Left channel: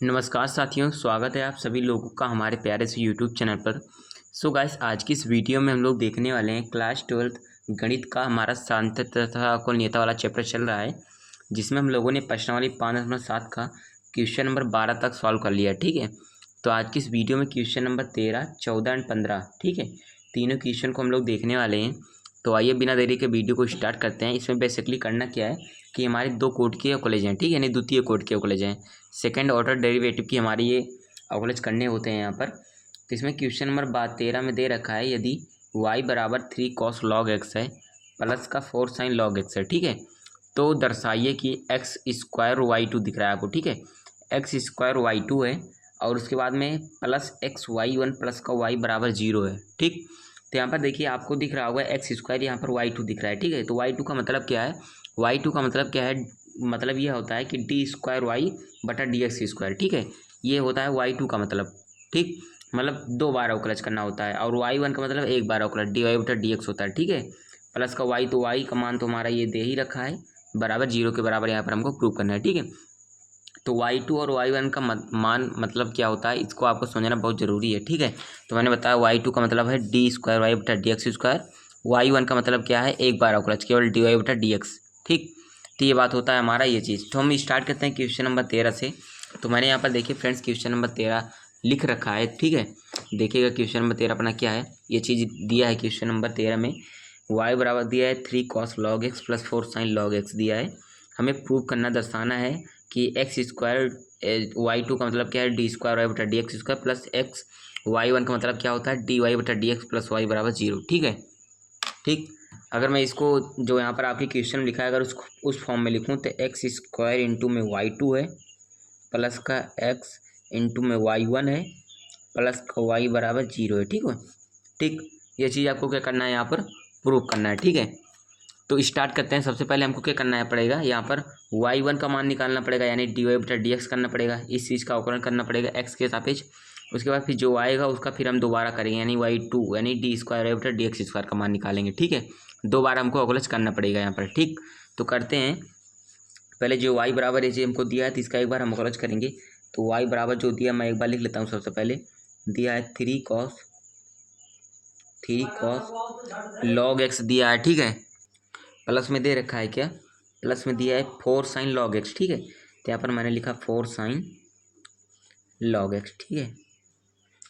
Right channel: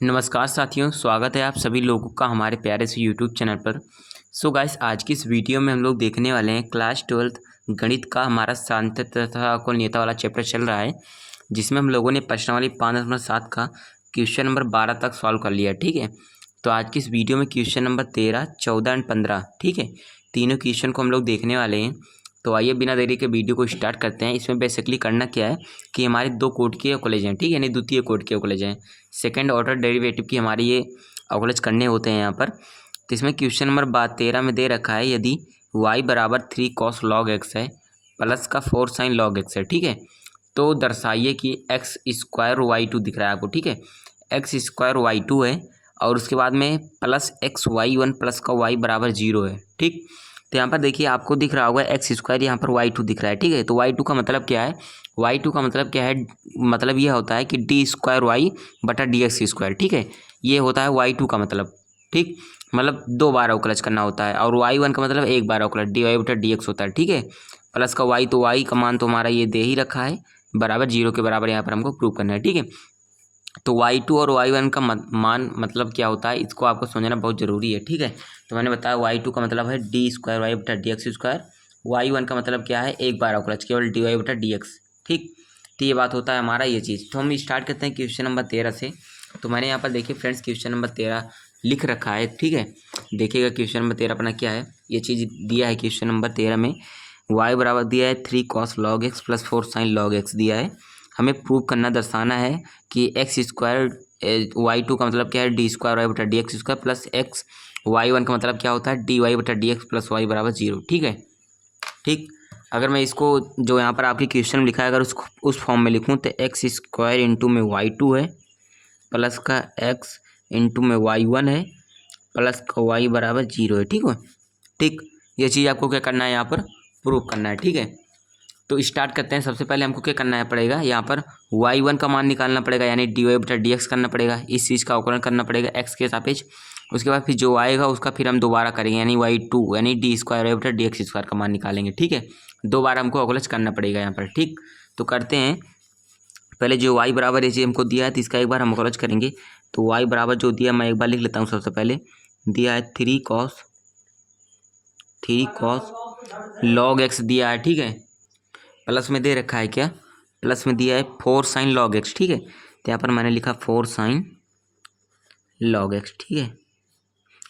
नमस्कार साथियों, स्वागत है आप सभी लोगों का हमारे प्यारे से यूट्यूब चैनल पर। सो गाइस, आज की इस वीडियो में हम लोग देखने वाले हैं क्लास 12th गणित का हमारा सांख्य तथा अकोणनीयता वाला चैप्टर चल रहा है, जिसमें हम लोगों ने प्रश्नावली 5.7 का क्वेश्चन नंबर 12 तक सॉल्व कर लिया। ठीक है, तो आज की इस वीडियो में क्वेश्चन नंबर 13, 14 एंड 15, ठीक है, तीनों क्वेश्चन को हम लोग देखने वाले हैं। तो आइए बिना देरी के वीडियो को स्टार्ट करते हैं। इसमें बेसिकली करना क्या है कि हमारे दो कोड के अवकलज हैं, ठीक है, यानी द्वितीय कोड के अवकलज हैं। सेकंड ऑर्डर डेरिवेटिव की हमारी ये अवकलज करने होते हैं यहाँ पर। तो इसमें क्वेश्चन नंबर 13 में दे रखा है, यदि y बराबर 3 cos log x है प्लस का 4 sin log x है, ठीक है, तो दर्शाइए कि एक्स स्क्वायर वाई टू दिख रहा है आपको, ठीक है, एक्स स्क्वायर वाई टू है और उसके बाद में plus x y one plus का वाई बराबर 0 है। ठीक, तो यहाँ पर देखिए आपको दिख रहा होगा एक्स स्क्वायर, यहाँ पर वाई टू दिख रहा है, ठीक है। तो वाई टू का मतलब क्या है, वाई टू का मतलब क्या है, मतलब यह होता है कि डी स्क्वायर वाई बटा डी एक्स स्क्वायर, ठीक है, ये होता है वाई टू का मतलब। ठीक, मतलब 2 बार अवकलज करना होता है। और वाई वन का मतलब 1 बार अवकलज, डी वाई बटा डी एक्स होता है, ठीक है। प्लस का वाई, तो वाई का मान तो हमारा ये दे ही रखा है, बराबर 0 के बराबर यहाँ पर हमको प्रूव करना है, ठीक है। तो वाई टू और वाई वन का मान मतलब क्या होता है, इसको आपको समझना बहुत ज़रूरी है, ठीक है। तो मैंने बताया वाई टू का मतलब है डी स्क्वायर वाई बटा d x square, y one का मतलब क्या है, 1 बार अवकलज केवल डी वाई बटा डी एक्स। ठीक, तो ये बात होता है हमारा ये चीज़। तो हम स्टार्ट करते हैं क्वेश्चन नंबर 13 से। तो मैंने यहाँ पर देखिए फ्रेंड्स क्वेश्चन नंबर 13 लिख रखा है, ठीक है। देखिएगा क्वेश्चन नंबर 13 अपना क्या है, ये चीज़ दिया है क्वेश्चन नंबर 13 में। y बराबर दिया है 3 cos log x plus 4 sin log x दिया है। हमें प्रूव करना, दर्शाना है कि एक्स स्क्वायर वाई टू का मतलब क्या है, डी स्क्वायर वाई बटा d x square plus x y one का मतलब क्या होता है, डी वाई बटा डी एक्स प्लस वाई बराबर 0, ठीक है। ठीक, अगर मैं इसको जो यहाँ पर आपकी क्वेश्चन में लिखा है, अगर उसको उस फॉर्म में लिखूँ तो एक्स स्क्वायर इंटू में वाई टू है प्लस का एक्स इंटू में वाई वन है प्लस का वाई बराबर 0 है, ठीक है। ठीक, ये चीज़ आपको क्या करना है, यहाँ पर प्रूव करना है, ठीक है। तो स्टार्ट करते हैं। सबसे पहले हमको क्या करना है पड़ेगा, यहाँ पर वाई वन का मान निकालना पड़ेगा, यानी डी वाई बटा डी एक्स करना पड़ेगा, इस चीज़ का अवकलन करना पड़ेगा एक्स के सापेक्ष। उसके बाद फिर जो आएगा उसका फिर हम दोबारा करेंगे, यानी वाई टू यानी डी स्क्वायर वाई बटा डी एक्स स्क्वायर का मान निकालेंगे, ठीक है। 2 बार हमको अवकलज करना पड़ेगा यहाँ पर। ठीक, तो करते हैं। पहले जो वाई बराबर ये चीज़ हमको दिया है तो इसका एक बार हम अवकलज करेंगे। तो वाई बराबर जो दिया मैं एक बार लिख लेता हूँ। सबसे पहले दिया है 3 cos log x दिया है, ठीक है। प्लस में दे रखा है क्या, प्लस में दिया है 4 sin log x, ठीक है। तो यहाँ पर मैंने लिखा 4 sin log x, ठीक है।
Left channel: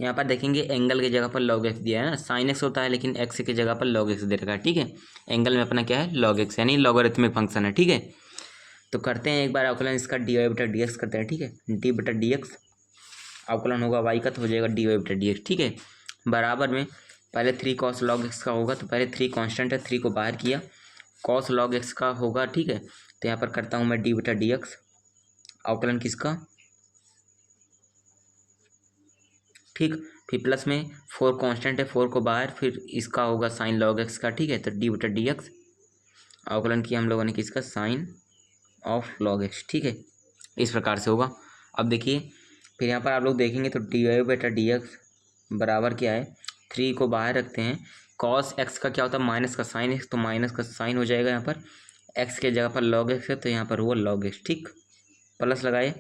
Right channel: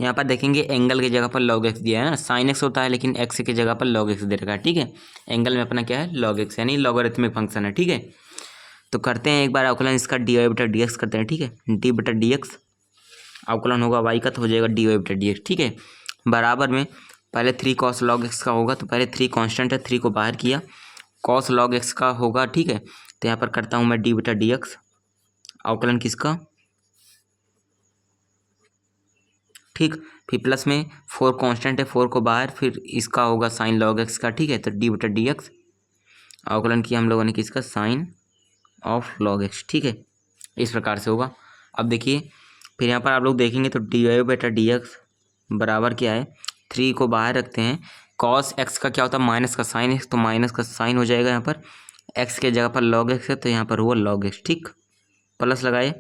यहाँ पर देखेंगे एंगल की जगह पर log x दिया है ना, sin x होता है लेकिन x की जगह पर log x दे रखा है, ठीक है। एंगल में अपना क्या है, log x, यानी लॉगरिथमिक फंक्शन है, ठीक है। तो करते हैं एक बार अवकलन इसका डी वाई बटा डी एक्स करते हैं, ठीक है। डी बटा डी एक्स अवकलन होगा वाई का, तो हो जाएगा डी वाई बटा डी एक्स, ठीक है। बराबर में पहले 3 cos log x का होगा, तो पहले 3 कांस्टेंट है, 3 को बाहर किया, cos log x का होगा, ठीक है। तो यहाँ पर करता हूँ मैं डी बटा डी एक्स अवकलन किसका, ठीक। फिर प्लस में 4 कांस्टेंट है, 4 को बाहर, फिर इसका होगा साइन log x का, ठीक है। तो डी बटा डी एक्स अवकलन किया हम लोगों ने किसका, साइन ऑफ log x, ठीक है। इस प्रकार से होगा। अब देखिए फिर यहाँ पर आप लोग देखेंगे तो डी वाई बटा डी एक्स बराबर क्या है, 3 को बाहर रखते हैं, कॉस एक्स का क्या होता है, माइनस का साइन एक्स, तो माइनस का साइन हो जाएगा यहाँ पर, एक्स के जगह पर log x है तो यहाँ पर हुआ log x, ठीक। प्लस लगाए,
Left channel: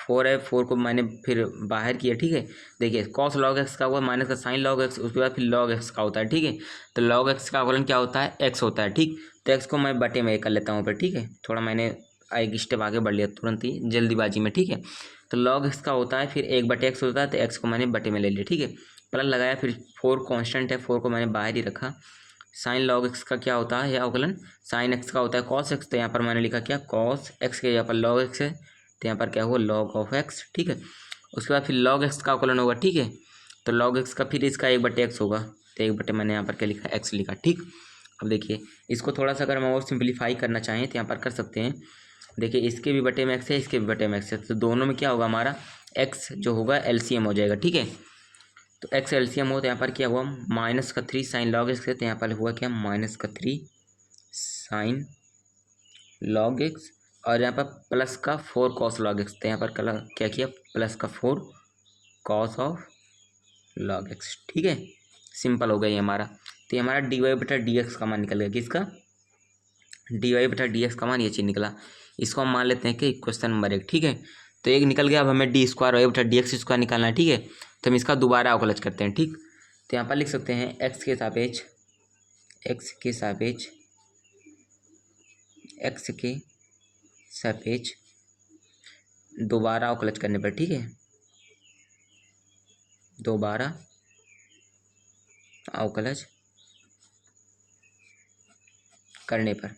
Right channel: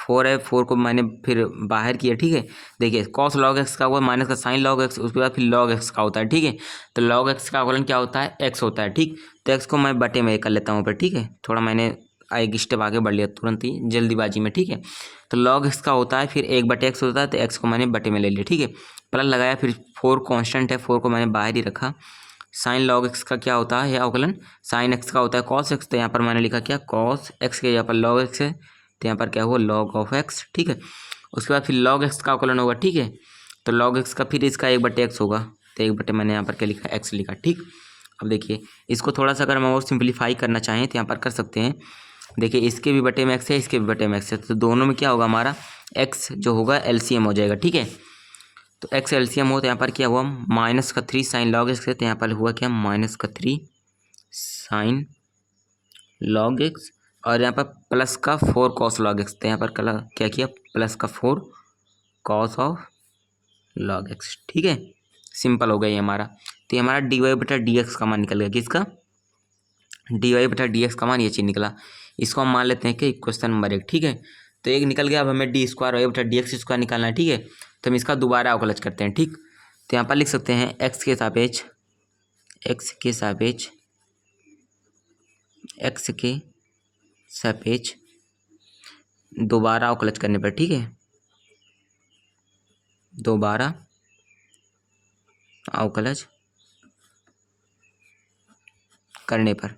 4 है, 4 को मैंने फिर बाहर किया, ठीक है। देखिए कॉस log x का हुआ, माइनस का साइन log x, उसके बाद फिर log x का होता है, ठीक है। तो log x का अवकलन क्या होता है, x होता है, ठीक। तो x को मैं बटे में कर लेता हूँ पर, ठीक है। थोड़ा मैंने एक स्टेप आगे बढ़ लिया तुरंत ही जल्दीबाजी में, ठीक है। तो log x का होता है, फिर 1/x होता है, तो x को मैंने बटे में ले लिया, ठीक है। प्लस लगाया, फिर 4 कांस्टेंट है, 4 को मैंने बाहर ही रखा। साइन log x का क्या होता है अवकलन, साइन x का होता है cos x, तो यहाँ पर मैंने लिखा क्या, cos x के यहाँ पर log x है, तो यहाँ पर क्या हुआ, log ऑफ x, ठीक है। उसके बाद फिर log x का अवकलन होगा, ठीक है। तो log x का फिर इसका 1/x होगा, तो 1 बटे मैंने यहाँ पर क्या लिखा, x लिखा, ठीक। अब देखिए इसको थोड़ा सा अगर हम और सिंप्लीफाई करना चाहें तो यहाँ पर कर सकते हैं। देखिए इसके भी बटे में x है, इसके भी बटे में x है, तो दोनों में क्या होगा हमारा, x जो होगा LCM हो जाएगा, ठीक है। तो x LCM हो तो यहाँ पर क्या हुआ, माइनस का 3 साइन log x है, तो यहाँ पर हुआ क्या, माइनस का 3 साइन log x, और यहाँ पर प्लस का 4 cos log x, तो यहाँ पर क्या किया, प्लस का 4 cos ऑफ log x, ठीक है। सिंपल हो गया ये हमारा। तो ये हमारा डी वाई बटा डी एक्स का मान निकल गया, किसका, डी वाई बटा डी एक्स का मान, ये चीज़ निकला। इसको हम मान लेते हैं कि क्वेश्चन नंबर 1, ठीक है। तो एक निकल गया। अब हमें डी स्क्वायर वाई बटा डी एक्स स्क्वायर निकालना है, ठीक है। तो हम इसका दोबारा अवकलज करते हैं, ठीक। तो यहाँ पर लिख सकते हैं एक्स के सापेक्ष दोबारा अवकलज करने पर, ठीक है, दोबारा अवकलज करने पर।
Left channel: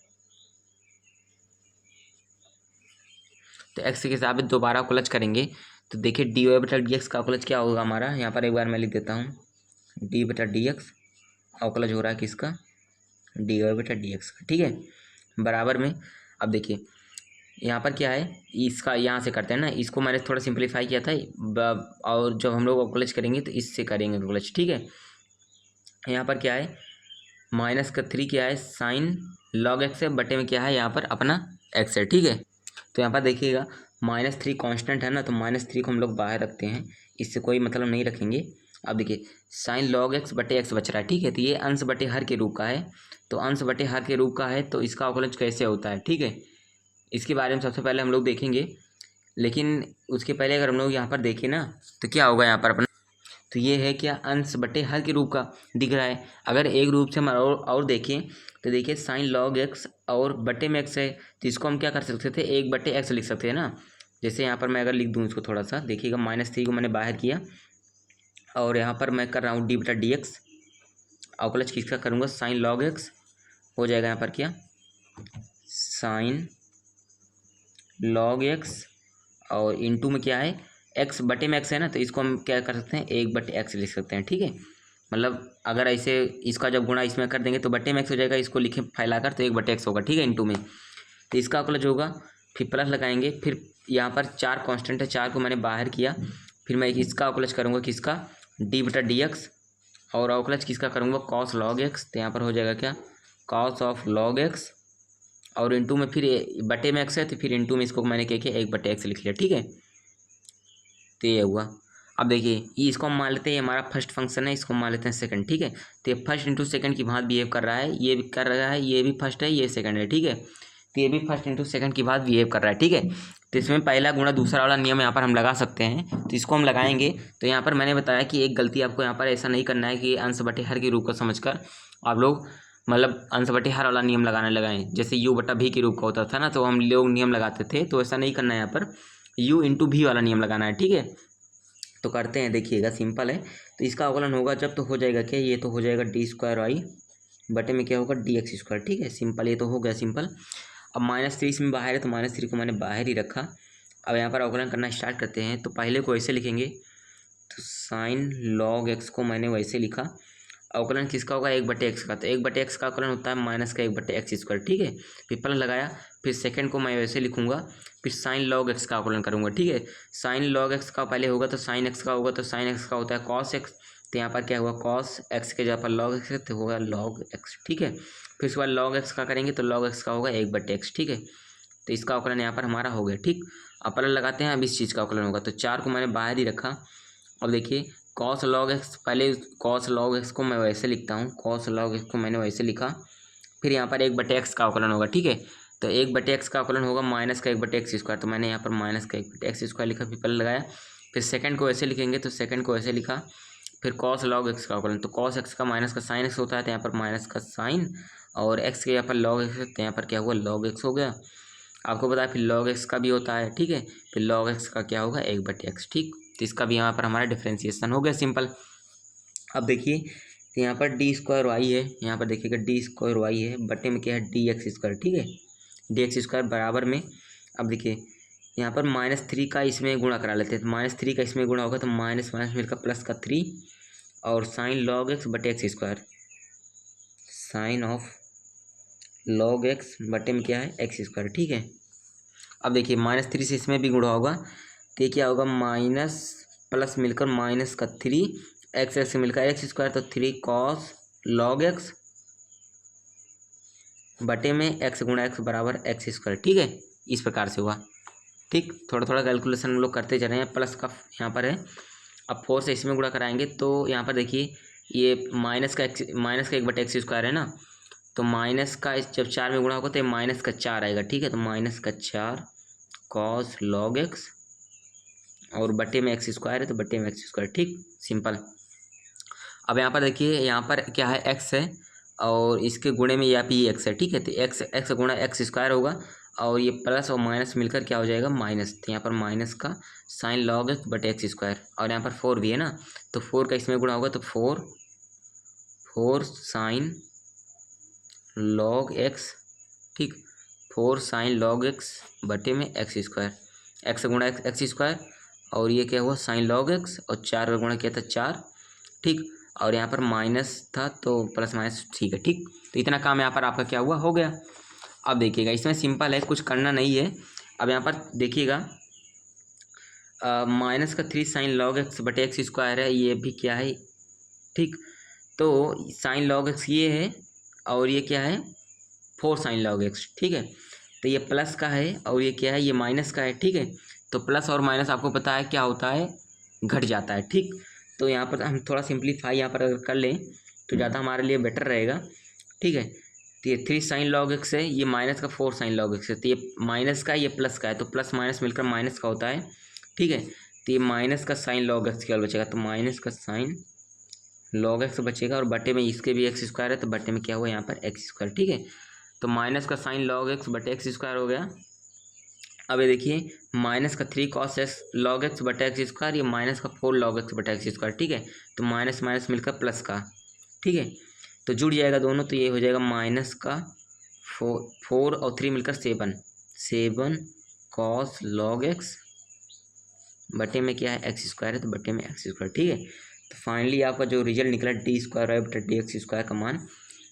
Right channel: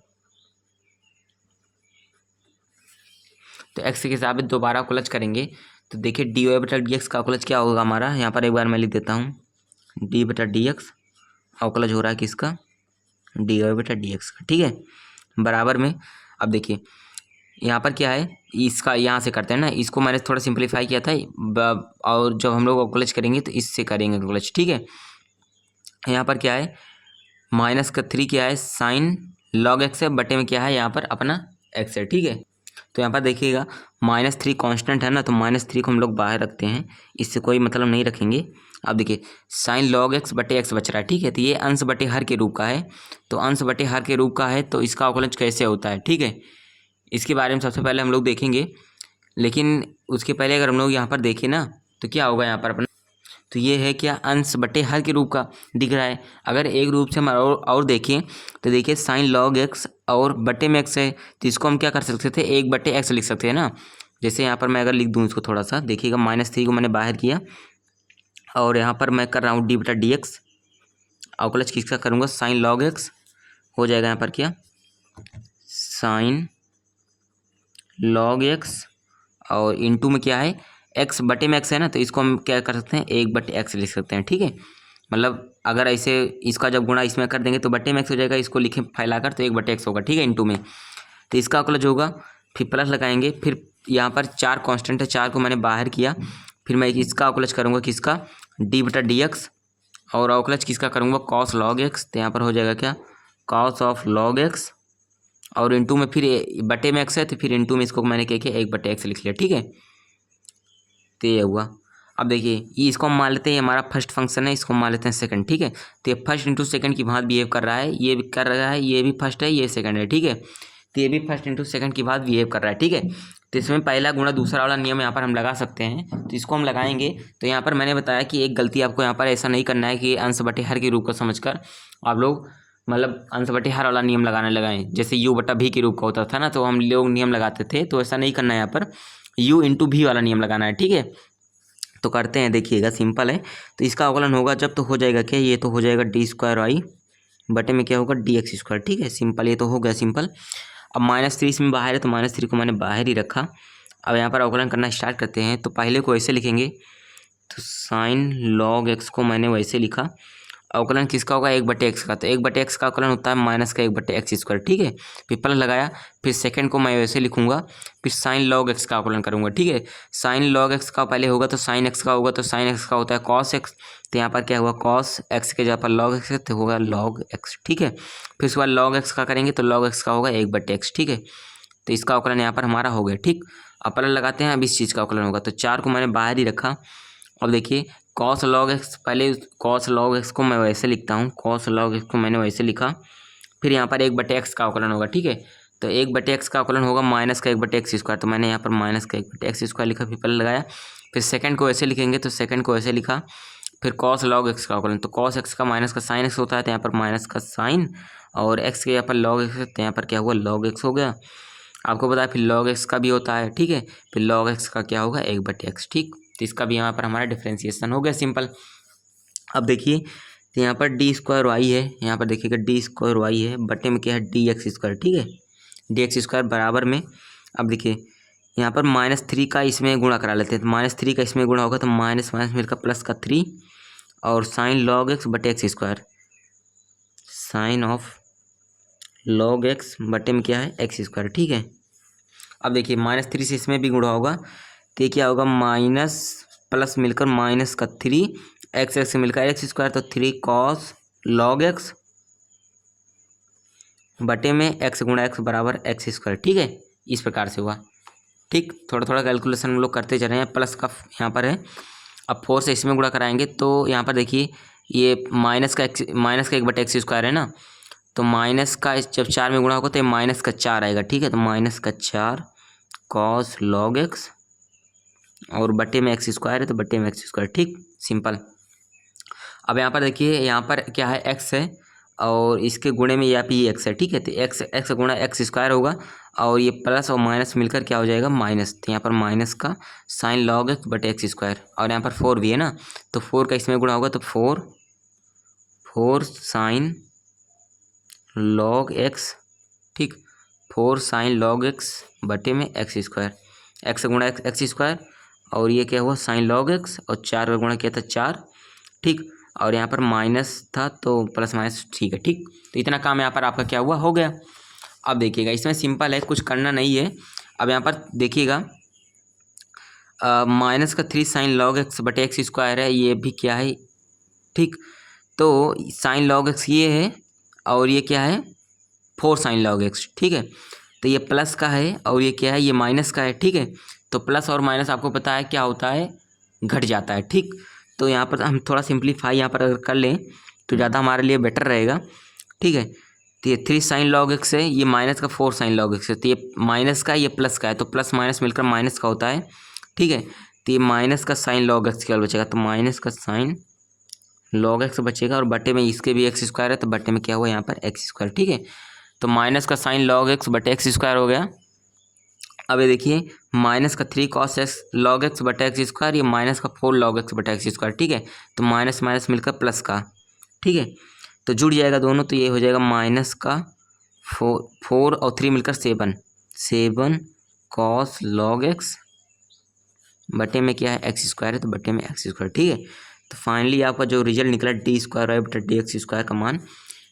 तो एक्स के हिसाब से दोबारा अवकलज करेंगे तो देखिए डी वाई बटा डी एक्स का अवकलज क्या होगा हमारा। यहाँ पर एक बार मैं लिख देता हूँ, डी बटा डी एक्स अवकलज हो रहा है किसका, डी वाई बटा डी एक्स का, ठीक है, बराबर में। अब देखिए यहाँ पर क्या है, इसका यहाँ से करते हैं ना, इसको मैंने थोड़ा सिंपलीफाई किया था और जब हम लोग अवकलज करेंगे तो इससे करेंगे अवकलज, ठीक है। यहाँ पर क्या है, माइनस का 3 क्या है, साइन लॉग एक्स है, बटे में क्या है यहाँ पर अपना एक्स है, ठीक है। तो यहाँ पर देखिएगा -3 कांस्टेंट है ना, तो -3 को हम लोग बाहर रखते हैं, इससे कोई मतलब नहीं रखेंगे। अब देखिए साइन लॉग एक्स बटे एक्स बच रहा है, ठीक है। तो ये अंश बटे हर के रूप का है, तो अंश बटे हर के रूप का है, तो इसका अवकलज कैसे होता है, ठीक है, इसके बारे में सबसे पहले हम लोग देखेंगे। लेकिन उसके पहले अगर हम लोग यहाँ पर देखें ना तो क्या होगा यहाँ पर अपना, तो ये है क्या, अंश बटे हर के रूप का दिख रहा है। अगर एक रूप से हम और देखें तो देखिए साइन लॉग एक्स और बटे में एक्स है, तो इसको हम क्या कर सकते थे, 1/x लिख सकते हैं ना। जैसे यहाँ पर मैं अगर लिख दूँ इसको थोड़ा सा, देखिएगा -3 को मैंने बाहर किया और यहाँ पर मैं कर रहा हूँ डी बटा डी एक्स, अवकलज किसका करूँगा, साइन लॉग एक्स हो जाएगा यहाँ पर क्या, साइन लॉग एक्स और इनटू में क्या है, एक्स बटे में एक्स है ना, तो इसको हम क्या कर सकते हैं, 1/x लिख सकते हैं, ठीक है। मतलब अगर ऐसे इसका जब गुणा इसमें कर देंगे तो बटे में एक्स हो जाएगा, इसको लिखें फैलाकर तो 1/x होगा, ठीक है, इनटू में। तो इसका अवकलज होगा, फिर प्लस लगाएंगे, फिर यहाँ पर 4 कांस्टेंट है, 4 को मैंने बाहर किया, फिर मैं इसका अवकलज करूँगा किसका, डी बटा डी एक्स, और अवकलज किसका करूँगा, कॉस लॉग एक्स। तो यहाँ पर हो जाएगा क्या, कॉस ऑफ लॉग एक्स, और इनटू में फिर बटे में एक्स है, तो फिर इनटू में इसको मैंने क्या किया, 1/x लिख लिया, ठीक है। तो ये हुआ। अब देखिए ये इसको हम मान लेते हैं, ये हमारा फर्स्ट फंक्शन है, इसको मान लेते हैं सेकंड, ठीक है। तो ये फर्स्ट इंटू सेकंड की भांति बिहेव कर रहा है, ये भी कर रहा है, ये भी फर्स्ट है, ये सेकंड है, ठीक है। तो ये भी फर्स्ट इंटू सेकंड की भांति बिहेव कर रहा है, ठीक है। तो इसमें पहला गुणा दूसरा वाला नियम यहाँ पर हम लगा सकते हैं, तो इसको हम लगाएंगे। तो यहाँ पर मैंने बताया कि एक गलती आपको यहाँ पर ऐसा नहीं करना है कि अंश बटे हर के रूप को समझकर आप लोग मतलब अंश बटे हर वाला नियम लगाने लगाएं, जैसे u बटा v के रूप का होता था ना, तो हम लोग नियम लगाते थे, तो ऐसा नहीं करना है, यहाँ पर u इंटू v वाला नियम लगाना है, ठीक है। तो करते हैं, देखिएगा सिंपल है। तो इसका अवकलन होगा जब, तो हो जाएगा क्या, ये तो हो जाएगा डी स्क्वायर वाई बटे में क्या होगा, डी एक्स स्क्वायर, ठीक है, सिंपल, ये तो हो गया सिंपल। अब -3 इसमें बाहर है, तो -3 को मैंने बाहर ही रखा। अब यहाँ पर अवकलन करना स्टार्ट करते हैं, तो पहले को ऐसे लिखेंगे, तो साइन लॉग एक्स को मैंने वैसे लिखा, अवकलन किसका होगा, 1/x का, तो 1/x का अवकलन होता है माइनस का 1/x स्क्वायर, ठीक है। फिर प्लस लगाया, फिर सेकंड को मैं वैसे लिखूंगा, फिर साइन लॉग एक्स का अवकलन करूंगा, ठीक है। साइन लॉग एक्स का पहले होगा तो साइन एक्स का होगा, तो साइन एक्स का होता है कॉस एक्स, तो यहाँ पर क्या हुआ, कॉस एक्स के जगह पर लॉग एक्स है, तो होगा लॉग एक्स, ठीक है। फिर उसके बाद लॉग एक्स का करेंगे तो लॉग एक्स का होगा 1/x, ठीक है। तो इसका अवकलन यहाँ पर हमारा हो गया, ठीक। अब प्लस लगाते हैं, अब इस चीज़ का अवकलन होगा, तो 4 को मैंने बाहर ही रखा। अब देखिए कॉस लॉग एक्स, पहले कॉस लॉग एक्स को मैं वैसे लिखता हूँ, कॉस लॉग एक्स को मैंने वैसे लिखा, फिर यहाँ पर 1/x का अवकलन होगा, ठीक है। तो 1/x का अवकलन होगा माइनस का 1/x स्क्वायर, तो मैंने यहाँ पर माइनस का 1/x स्क्वायर लिखा, फिर प्लस लगाया, फिर सेकंड को ऐसे लिखेंगे, तो सेकंड को ऐसे लिखा, फिर कॉस लॉग एक्स का अवकलन, तो कॉस एक्स का माइनस का साइन एक्स होता है, तो यहाँ पर माइनस का साइन, और एक्स के यहाँ पर लॉग एक्स, तो यहाँ पर क्या हुआ, लॉग एक्स हो गया। आपको पता है फिर लॉग एक्स का भी होता है, ठीक है, फिर लॉग एक्स का क्या होगा, 1/x, ठीक। तो इसका भी यहाँ पर हमारा डिफ्रेंसिएशन हो गया सिंपल। अब देखिए तो यहाँ पर डी स्क्वायर वाई है, यहाँ पर देखिएगा डी स्क्वायर वाई है, बटे में क्या है, डी एक्स स्क्वायर, ठीक है, डी एक्स स्क्वायर बराबर में। अब देखिए यहाँ पर -3 का इसमें गुणा करा लेते हैं, तो -3 का इसमें गुणा होगा, तो माइनस माइनस मिलकर प्लस का 3, और साइन लॉग एक्स बटे x square, sine of log x बटे में क्या है, एक्स स्क्वायर, ठीक है। अब देखिए -3 से इसमें भी गुणा होगा, तो ये क्या होगा, माइनस प्लस मिलकर माइनस का 3, एक्स एक्स से मिलकर एक्स स्क्वायर, तो 3 कॉस लॉग एक्स बटे में एक्स गुणा एक्स बराबर एक्स स्क्वायर, ठीक है। इस प्रकार से हुआ, ठीक। थोड़ा थोड़ा कैलकुलेशन हम लोग करते जा रहे हैं, प्लस का यहाँ पर है। अब 4 से इसमें गुणा कराएंगे, तो यहाँ पर देखिए ये माइनस का 1/x स्क्वायर है ना, तो माइनस का जब 4 में गुणा होगा तो ये -4 आएगा, ठीक है। तो -4 कॉस लॉग एक्स और बटे में एक्स स्क्वायर है तो बटे में एक्स स्क्वायर, ठीक, सिंपल। अब यहाँ पर देखिए, यहाँ पर क्या है, एक्स है और इसके गुणे में यहाँ पे ये एक्स है, ठीक है। तो एक्स एक्स गुणा एक्स स्क्वायर होगा और ये प्लस और माइनस मिलकर क्या हो जाएगा, माइनस। तो यहाँ पर माइनस का साइन लॉग एक्स बटे एक्स स्क्वायर, और यहाँ पर 4 भी है ना, तो 4 का इसमें गुणा होगा तो 4 साइन लॉग एक्स, ठीक, 4 साइन लॉग एक्स बटे में एक्स स्क्वायर, एक्स गुणा एक्स स्क्वायर, और ये क्या हुआ, साइन लॉग एक्स, और 4 का गुणा किया था 4, ठीक, और यहाँ पर माइनस था तो प्लस माइनस, ठीक है, ठीक। तो इतना काम यहाँ पर आपका क्या हुआ, हो गया। अब देखिएगा, इसमें सिंपल है, कुछ करना नहीं है। अब यहाँ पर देखिएगा, माइनस का 3 साइन लॉग एक्स बटे एक्स स्क्वायर है, ये भी क्या है, ठीक। तो साइन लॉग एक्स ये है और ये क्या है, 4 साइन लॉग एक्स, ठीक है। तो ये प्लस का है और ये क्या है, ये माइनस का है, ठीक है। तो प्लस और माइनस आपको पता है क्या होता है, घट जाता है, ठीक। तो यहाँ पर हम थोड़ा सिंप्लीफाई यहाँ पर अगर कर लें तो ज़्यादा हमारे लिए बेटर रहेगा, ठीक है। तो ये 3 साइन लॉग एक्स है, ये माइनस का 4 साइन लॉग एक्स है, तो ये माइनस का है, ये प्लस का है, तो प्लस माइनस मिलकर माइनस का होता है, ठीक है। तो ये माइनस का साइन लॉग एक्स क्या बचेगा, तो माइनस का साइन लॉग एक्स बचेगा, और बटे में इसके भी एक्स स्क्वायर है तो बटे में क्या हुआ, यहाँ पर एक्स स्क्वायर, ठीक है। तो माइनस का साइन लॉग एक्स बटे एक्स स्क्वायर हो गया। अब ये देखिए, माइनस का 3 कॉस एक्स लॉग एक्स बटे एक्स स्क्वायर, ये माइनस का 4 लॉग एक्स बटे एक्स स्क्वायर, ठीक है। तो माइनस माइनस मिलकर प्लस का, ठीक है, तो जुड़ जाएगा दोनों, तो ये हो जाएगा माइनस का 4 और 3 मिलकर 7 कॉस लॉग एक्स बटे में क्या है, एक्स स्क्वायर है तो बटे में एक्स स्क्वायर, ठीक है। तो फाइनली आपका जो रिजल्ट निकला डी स्क्वायर वाई बटा डी एक्स स्क्वायर का मान,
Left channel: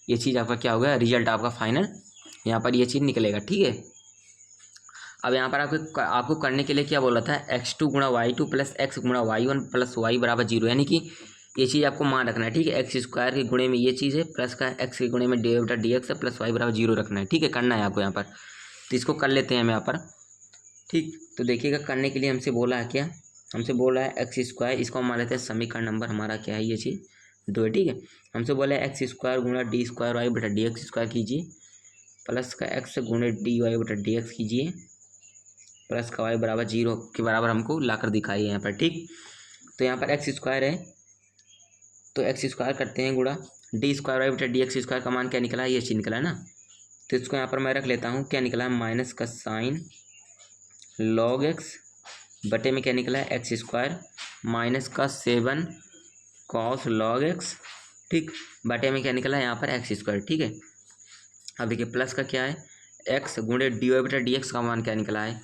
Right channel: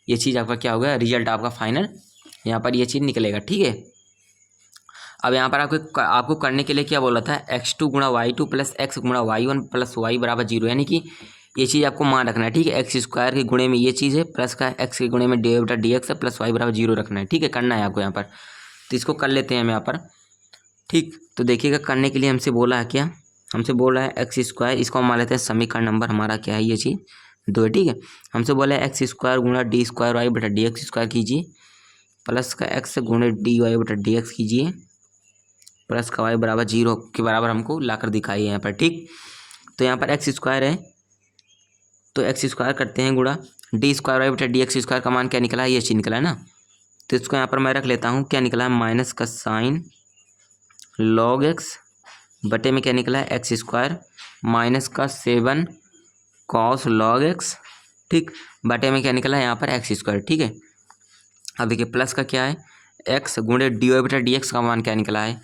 ये चीज़ आपका क्या होगा, रिजल्ट आपका फाइनल यहाँ पर ये चीज़ निकलेगा, ठीक है। अब यहाँ पर आपको करने के लिए क्या बोला था, x2 गुणा y2 प्लस एक्स गुणा y1 प्लस y बराबर 0, यानी कि ये चीज़ आपको मान रखना है, ठीक है। एक्स स्क्वायर के गुणे में ये चीज़ है, प्लस का एक्स के गुणे में डी बटा डी एक्स है, प्लस y बराबर 0 रखना है, ठीक है, करना है आपको यहाँ पर। तो इसको कर लेते हैं हम यहाँ पर, ठीक। तो देखिएगा, करने के लिए हमसे बोला है क्या, हमसे बोला है एक्स स्क्वायर, इसको हम मान लेते हैं समीकरण नंबर हमारा क्या है, ये चीज़ 2 है, ठीक है। हमसे बोला है एक्स स्क्वायर गुणा डी स्क्वायर वाई बटा डी एक्स स्क्वायर कीजिए, प्लस का एक्स गुणे डी वाई बटा डी एक्स कीजिए, प्लस का वाई बराबर 0 के बराबर हमको लाकर दिखाइए यहाँ पर, ठीक। तो यहाँ पर एक्स स्क्वायर है तो एक्स स्क्वायर करते हैं गुणा डी स्क्वायर वाई बटा डी एक्स स्क्वायर का मान क्या निकला है, ये चीज़ निकला है ना। तो इसको यहाँ पर मैं रख लेता हूँ, क्या निकला है, माइनस का साइन लॉग एक्स बटे में क्या निकला है, एक्स स्क्वायर, माइनस का 7 कॉस लॉग एक्स, ठीक, बटे में क्या निकला है, यहाँ पर एक्स स्क्वायर, ठीक है। अब देखिए, प्लस का क्या है, एक्स गुणे डी वाई बटा डी एक्स का मान क्या निकला है,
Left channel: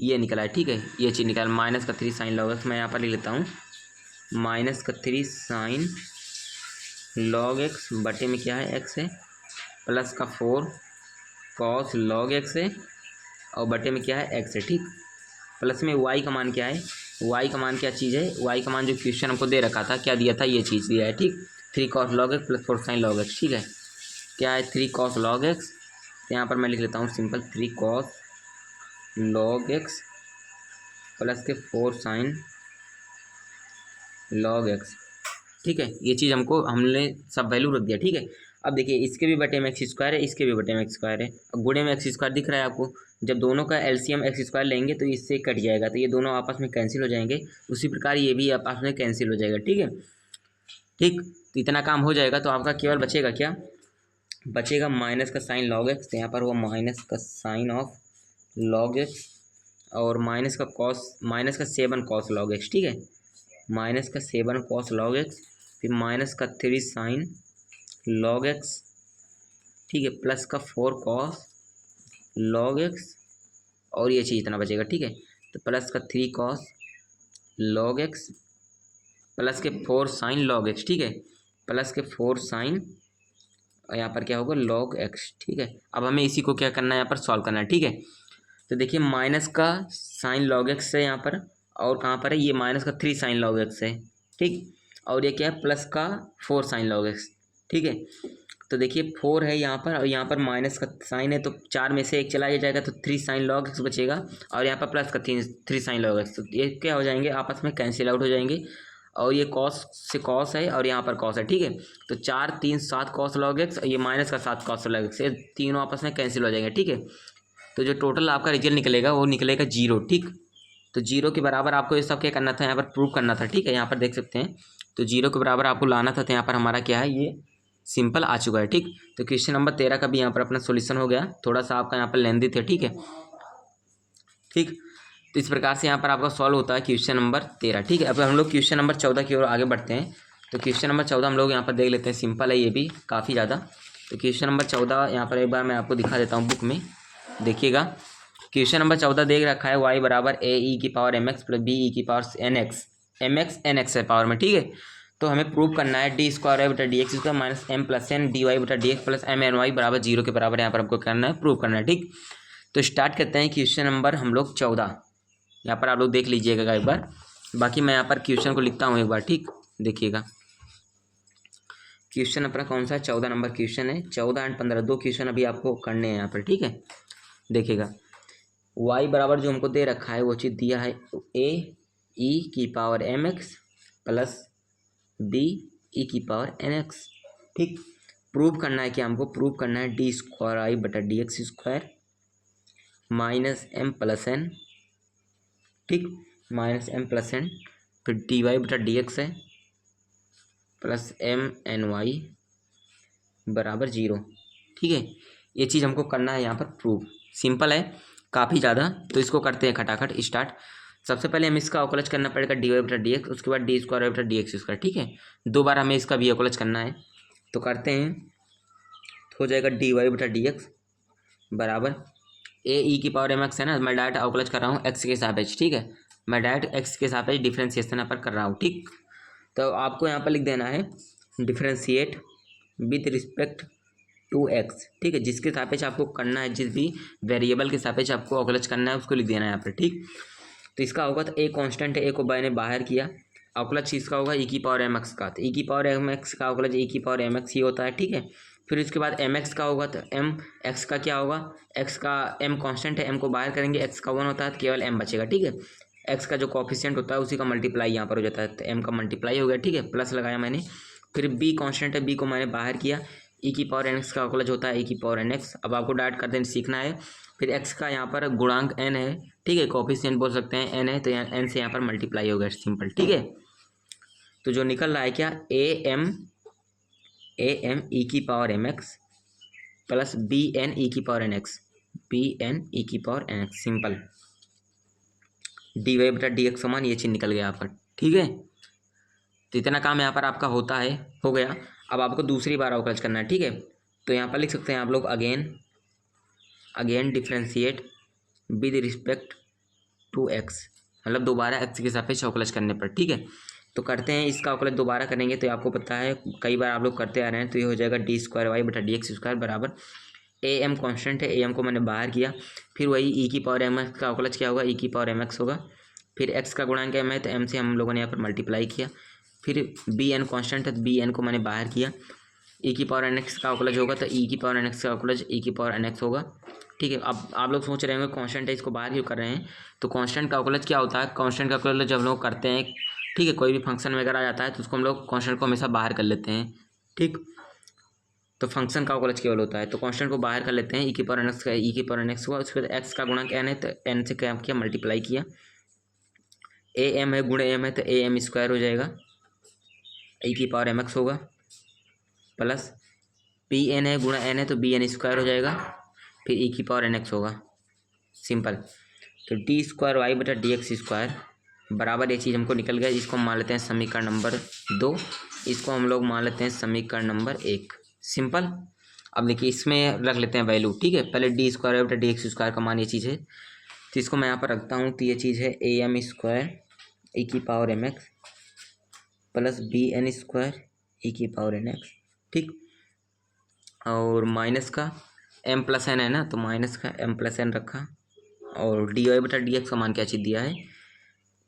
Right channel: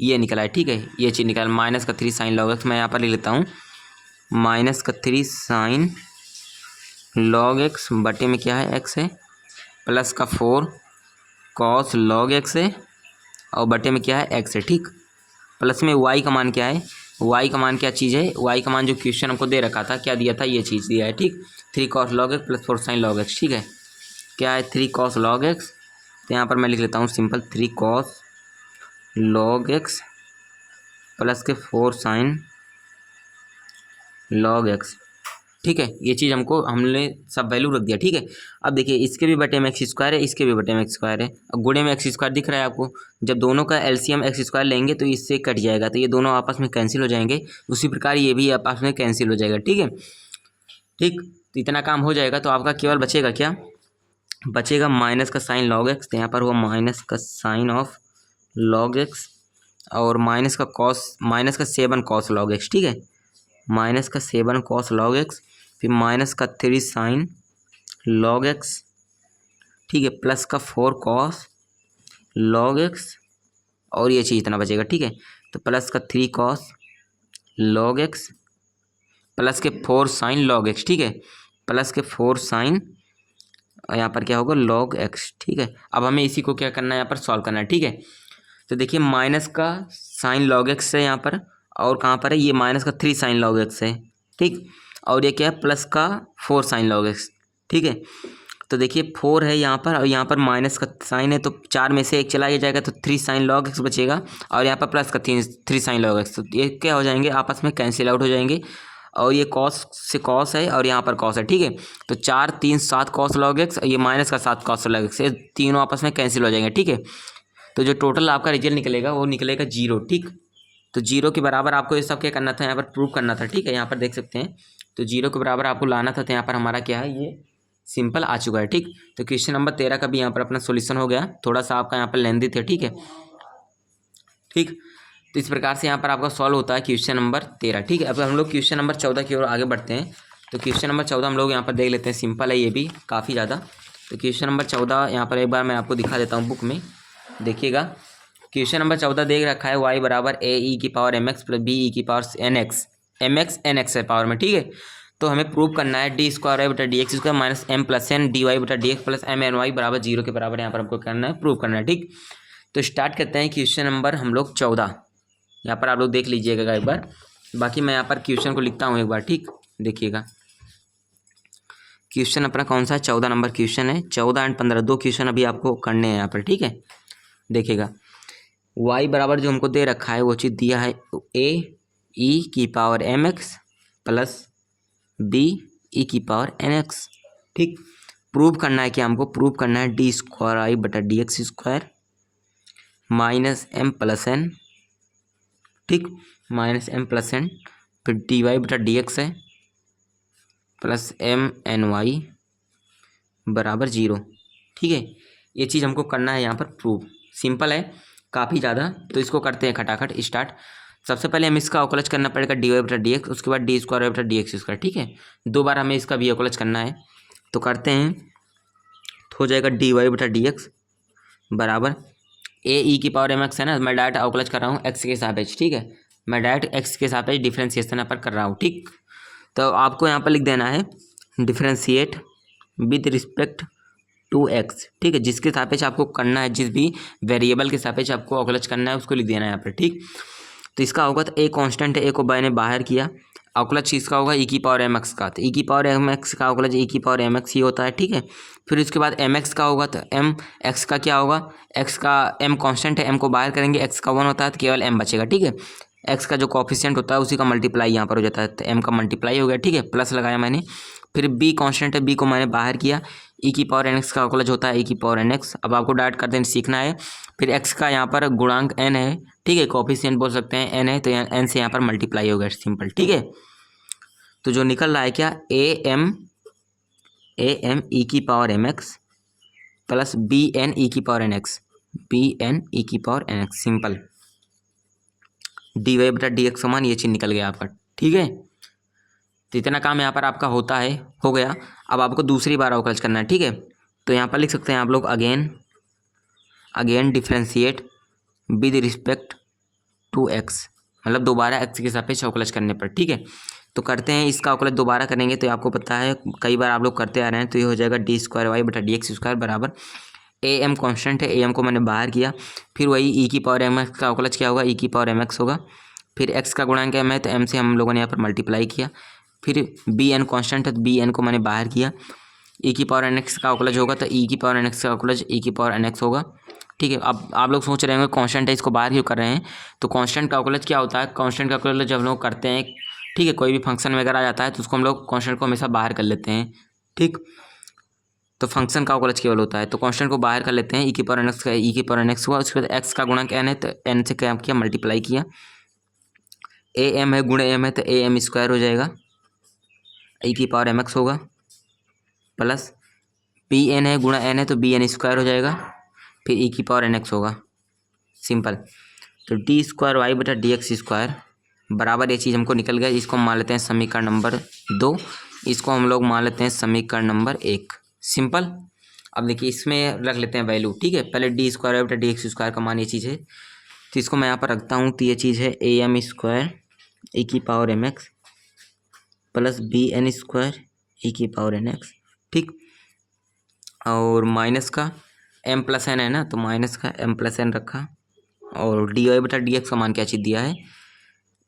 ये निकला है, ठीक है। ये चीज़ निकला, माइनस का 3 साइन लॉग एक्स, मैं यहाँ पर लिख लेता हूँ, माइनस का 3 साइन लॉग एक्स बटे में क्या है, एक्स है, प्लस का 4 कॉस लॉग एक्स है, और बटे में क्या है, एक्स है, ठीक। प्लस में वाई का मान क्या है, वाई का मान क्या चीज़ है, वाई का मान जो क्वेश्चन हमको दे रखा था, क्या दिया था, ये चीज़ दिया है, ठीक। 3 cos log x plus 4 sign log x, ठीक है। क्या है, 3 कॉस लॉग एक्स, तो यहाँ पर मैं लिख लेता हूँ simple 3 cos log x plus के 4 साइन लॉग एक्स, ठीक है। ये चीज़ हमने सब वैल्यू रख दिया, ठीक है। अब देखिए, इसके भी बटे में एक्स स्क्वायर है, इसके भी बटे में एक्स स्क्वायर है, अब गुणे में एक्स स्क्वायर दिख रहा है आपको, जब दोनों का एलसीएम एक्स स्क्वायर लेंगे तो इससे कट जाएगा, तो ये दोनों आपस में कैंसिल हो जाएंगे, उसी प्रकार ये भी आपस में कैंसिल हो जाएगा, ठीक है, ठीक। तो इतना काम हो जाएगा तो आपका केवल बचेगा क्या, बचेगा माइनस का साइन लॉग एक्स, तो यहाँ पर हुआ माइनस का साइन ऑफ लॉग एक्स, और माइनस का 7 कॉस लॉग एक्स, ठीक है, माइनस का 7 कॉस लॉग एक्स, फिर माइनस का 3 साइन लॉग एक्स, ठीक है, प्लस का 4 कॉस लॉग एक्स, और ये चीज़ इतना बचेगा, ठीक है। तो प्लस का 3 कॉस लॉग एक्स प्लस के 4 साइन लॉग एक्स, ठीक है, प्लस के 4 साइन, यहाँ पर क्या होगा, लॉग एक्स, ठीक है। अब हमें इसी को क्या करना है, यहाँ पर सॉल्व करना है, ठीक है। तो देखिए, माइनस का साइन लॉग एक्स है यहाँ पर, और कहाँ पर है, ये माइनस का 3 साइन लॉग एक्स है, ठीक, और ये क्या है, प्लस का 4 साइन लॉग एक्स, ठीक है। तो देखिए 4 है यहाँ पर, और यहाँ पर माइनस का साइन है, तो 4 में से 1 चला जाएगा, तो 3 साइन लॉग एक्स बचेगा, और यहाँ पर प्लस का 3 साइन लॉग एक्स, तो ये क्या हो जाएंगे, आपस में कैंसिल आउट हो जाएंगे, और ये कॉस से कॉस है और यहाँ पर कॉस है, ठीक है। तो 4 3 7 कॉस लॉग एक्स, ये माइनस का 7 कॉस लॉग एक्स, ये तीनों आपस में कैंसिल हो जाएंगे, ठीक है। तो जो टोटल आपका रिजल्ट निकलेगा वो निकलेगा 0, ठीक। तो जीरो के बराबर आपको ये सब क्या करना था, यहाँ पर प्रूव करना था। ठीक है, यहाँ पर देख सकते हैं, तो जीरो के बराबर आपको लाना था। तो यहाँ पर हमारा क्या है, ये सिंपल आ चुका है। ठीक, तो क्वेश्चन नंबर 13 का भी यहाँ पर अपना सोल्यूशन हो गया। थोड़ा सा आपका यहाँ पर लेंदी थे। ठीक है, ठीक, तो इस प्रकार से यहाँ पर आपका सॉल्व होता है क्वेश्चन नंबर 13। ठीक है, अब हम लोग क्वेश्चन नंबर 14 की ओर आगे बढ़ते हैं। तो क्वेश्चन नंबर 14 हम लोग यहाँ पर देख लेते हैं। सिंपल है ये भी काफ़ी ज़्यादा। तो क्वेश्चन नंबर 14 यहाँ पर एक बार मैं आपको दिखा देता हूँ बुक में, देखिएगा। क्वेश्चन नंबर 14 देख रखा है, वाई बराबर ए ई की power m x plus b e की power n x, n x है पावर में। ठीक है, तो हमें प्रूव करना है डी स्क्वायर वाई बटा d x square minus m plus n d y बटा d x plus m n y बराबर जीरो के बराबर यहाँ पर हमको करना है, प्रूव करना है। ठीक, तो स्टार्ट करते हैं क्वेश्चन नंबर हम लोग 14। यहाँ पर आप लोग देख लीजिएगा एक बार, बाकी मैं यहाँ पर क्वेश्चन को लिखता हूँ एक बार। ठीक, देखिएगा क्वेश्चन अपना कौन सा 14 नंबर क्वेश्चन है। 14 एंड 15 दो क्वेश्चन अभी आपको करने हैं यहाँ पर। ठीक है, देखिएगा y बराबर जो हमको दे रखा है वो चीज़ दिया है ए ई की power m x plus b e की पावर एन एक्स। ठीक, प्रूव करना है कि हमको प्रूव करना है डी स्क्वायर आई बटा d x square minus m plus n. ठीक, माइनस एम प्लस एन, फिर डी वाई बटा डी एक्स है प्लस एम एन वाई बराबर जीरो। ठीक है, ये चीज़ हमको करना है यहाँ पर प्रूव। सिंपल है काफ़ी ज़्यादा, तो इसको करते हैं खटाखट स्टार्ट। सबसे पहले हमें इसका अवकलज करना पड़ेगा डी वाई बटा डी एक्स, उसके बाद डी स्क्वायर वाई बटा डी एक्स स्क्वायर। ठीक है, दो बार हमें इसका भी अवकलज करना है, तो करते हैं। तो हो जाएगा डी वाई बटा डी एक्स बराबर ए ई की पावर एम एक्स है ना, मैं डायरेक्ट अवकलज कर रहा हूँ एक्स के सापेक्ष। ठीक है, मैं डायरेक्ट एक्स के सापेक्ष डिफ्रेंसिएशन यहाँ पर कर रहा हूँ। ठीक, तो आपको यहाँ पर लिख देना है differentiate with respect to x. ठीक है, जिसके सापेक्ष आपको करना है, जिस भी वेरिएबल के सापेक्ष आपको अवकलज करना है उसको लिख देना है यहाँ पर। ठीक, तो इसका होगा, तो ए कांस्टेंट है, ए को मैंने बाहर किया, अवकलज इसका होगा ई की पावर एम एक्स का, तो ई की पावर एम एक्स का अवकलज ई की पावर एम एक्स ही होता है। ठीक है, फिर उसके बाद एम एक्स का होगा, तो एम एक्स का क्या होगा, एक्स का एम कांस्टेंट है, एम को बाहर करेंगे, एक्स का 1 होता है तो केवल एम बचेगा। ठीक है, एक्स का जो कोफिशिएंट होता है उसी का मल्टीप्लाई यहाँ पर हो जाता है, तो एम का मल्टीप्लाई हो गया। ठीक है, प्लस लगाया मैंने, फिर बी कांस्टेंट है, बी को मैंने बाहर किया, ई की पावर एन एक्स का अवकलज होता है ई की पावर एन एक्स। अब आपको डायरेक्ट कर देना सीखना है। फिर एक्स का यहाँ पर गुणांक एन है। ठीक है, कोफिशिएंट बोल सकते हैं एन है, तो एन से यहाँ पर मल्टीप्लाई हो गया, सिंपल। ठीक है, तो जो निकल रहा है क्या, ए एम ई की power m x plus b n e की power n x, b n e की power n x, simple. D y बटा डी एक्स समान ये चीज़ निकल गया आपका। ठीक है, तो इतना काम यहाँ पर आपका होता है, हो गया। अब आपको दूसरी बार अवकलज करना है। ठीक है, तो यहाँ पर लिख सकते हैं आप लोग again differentiate with respect to x, मतलब दोबारा एक्स के सापेक्ष अवकलज करने पर। ठीक है, तो करते हैं, इसका अवकलज दोबारा करेंगे तो आपको पता है कई बार आप लोग करते आ रहे हैं, तो ये हो जाएगा डी स्क्वायर वाई बटा डी एक्स स्क्वायर बराबर ए एम कॉन्स्टेंट है, ए एम को मैंने बाहर किया, फिर वही ई की पावर एम एक्स का अवकलज क्या होगा, ई की पावर एम एक्स होगा, फिर एक्स का गुणांक एम है तो एम से हम लोगों ने यहाँ पर मल्टीप्लाई किया, फिर बी एन कॉन्स्टेंट है तो बी एन को मैंने बाहर किया, ई की पावर एन एक्स का अवकलज होगा तो ई की पावर एन एक्स का अवकलज ई की पावर एन एक्स होगा। ठीक है, अब आप लोग सोच रहे होंगे कांस्टेंट है इसको बाहर क्यों कर रहे हैं, तो कांस्टेंट का अवकलज क्या होता है, कांस्टेंट का अवकलज जब हम लोग करते हैं, ठीक है, कोई भी फंक्शन वगैरह आ जाता है तो उसको हम लोग कांस्टेंट को हमेशा बाहर कर लेते हैं। ठीक, तो फंक्शन का अवकलज केवल होता है, तो कांस्टेंट को बाहर कर लेते हैं, ई की पावर एन एक्स का ई की पावर एन एक्स हुआ, उसके बाद एक्स का गुणांक एन है तो एन से क्या किया, मल्टीप्लाई किया, ए एम है गुणे एम है तो ए एम स्क्वायर हो जाएगा, ई की पावर एम एक्स होगा, प्लस बी एन है गुणा एन है तो बी एन स्क्वायर हो जाएगा, फिर ई की पावर एन एक्स होगा, सिंपल। तो डी स्क्वायर वाई बटा डी एक्स स्क्वायर बराबर ये चीज़ हमको निकल गया, इसको मान लेते हैं समीकरण नंबर 2, इसको हम लोग मान लेते हैं समीकरण नंबर 1, सिंपल। अब देखिए इसमें रख लेते हैं वैल्यू। ठीक है, पहले डी स्क्वायर वाई बटा डी एक्स स्क्वायर का मान ये चीज़ है, तो इसको मैं यहाँ पर रखता हूँ, तो ये चीज़ है ए एम स्क्वायर ई की power m x plus b n square e की पावर एन एक्स। ठीक, और माइनस का एम प्लस एन है ना, तो माइनस का एम प्लस एन रखा, और डी वाई बटा डी एक्स का मान क्या चीज़ दिया है,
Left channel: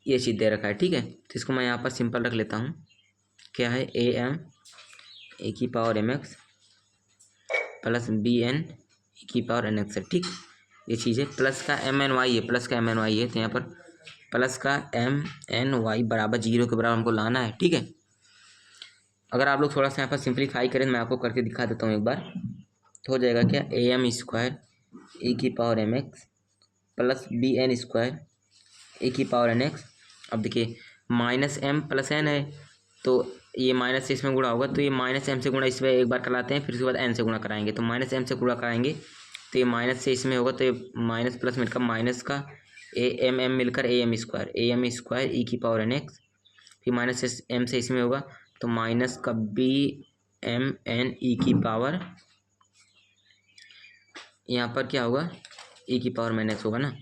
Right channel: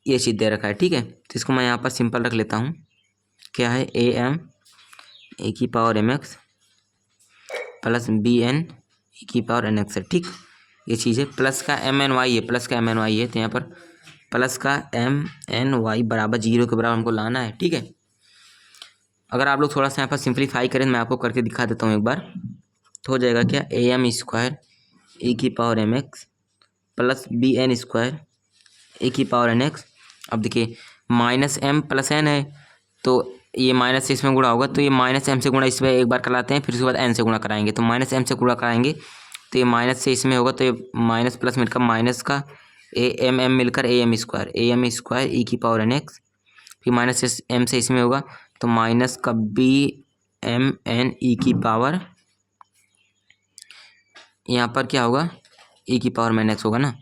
ये चीज़ दे रखा है। ठीक है, तो इसको मैं यहाँ पर सिंपल रख लेता हूँ, क्या है ए एम ए की power m x plus b n e की पावर एन एक्स है। ठीक, ये चीज़ है, प्लस का एम एन वाई है, प्लस का एम एन वाई है, तो यहाँ पर प्लस का एम एन वाई बराबर जीरो के बराबर हमको लाना है। ठीक है, अगर आप लोग थोड़ा सा यहाँ पर सिंप्लीफाई करें, मैं आपको करके दिखा देता हूँ एक बार, तो हो जाएगा क्या, ए एम स्क्वायर ई की power m x plus b n square a की पावर एन एक्स। अब देखिए माइनस एम प्लस एन है, तो ये माइनस से इसमें गुणा होगा, तो ये माइनस एम से गुणा इसमें एक बार कराते हैं, फिर उसके बाद एन से गुणा कराएंगे, तो माइनस एम से गुणा कराएंगे तो ये माइनस से इसमें होगा, तो ये माइनस प्लस मिलकर माइनस का ए एम मिलकर ए एम स्क्वायर ई की पावर एन एक्स, फिर माइनस से एम से इसमें होगा तो माइनस का बी एम एन ई की पावर, यहाँ पर क्या होगा ई की पावर एन एक्स होगा ना,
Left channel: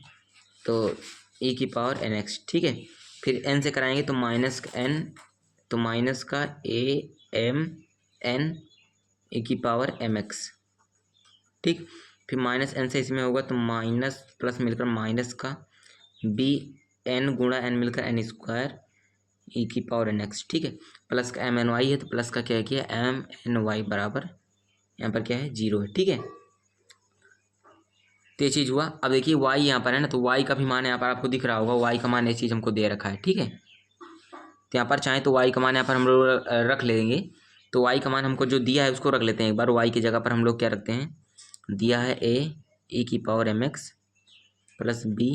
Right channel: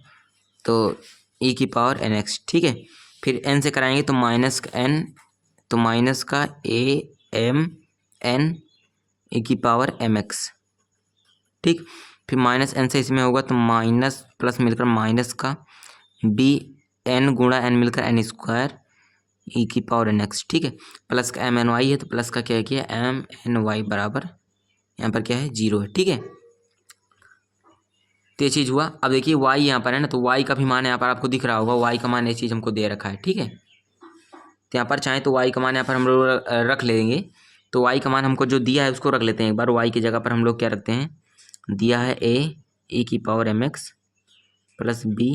तो ई की पावर एन एक्स। ठीक है, फिर एन से कराएंगे तो माइनस का एन, तो माइनस का ए एम एन ई की पावर एम एक्स। ठीक, फिर माइनस एन से इसमें होगा तो माइनस प्लस मिलकर माइनस का बी एन गुणा एन मिलकर एन स्क्वायर ई की पावर एन एक्स। ठीक है, प्लस का एम एन वाई है, तो प्लस का क्या है किया एम एन वाई बराबर यहाँ पर क्या है 0 है। ठीक है, तो ये चीज़ हुआ। अब देखिए y यहाँ पर है ना, तो y का भी मान यहाँ पर आपको दिख रहा होगा, y का मान ये चीज़ हमको दे रखा है। ठीक है, तो यहाँ पर चाहे तो y का मान यहाँ पर हम लोग रख लेंगे, तो y का मान हमको जो दिया है उसको रख लेते हैं एक बार। y की जगह पर हम लोग क्या रखते हैं, दिया है a e की power m x plus b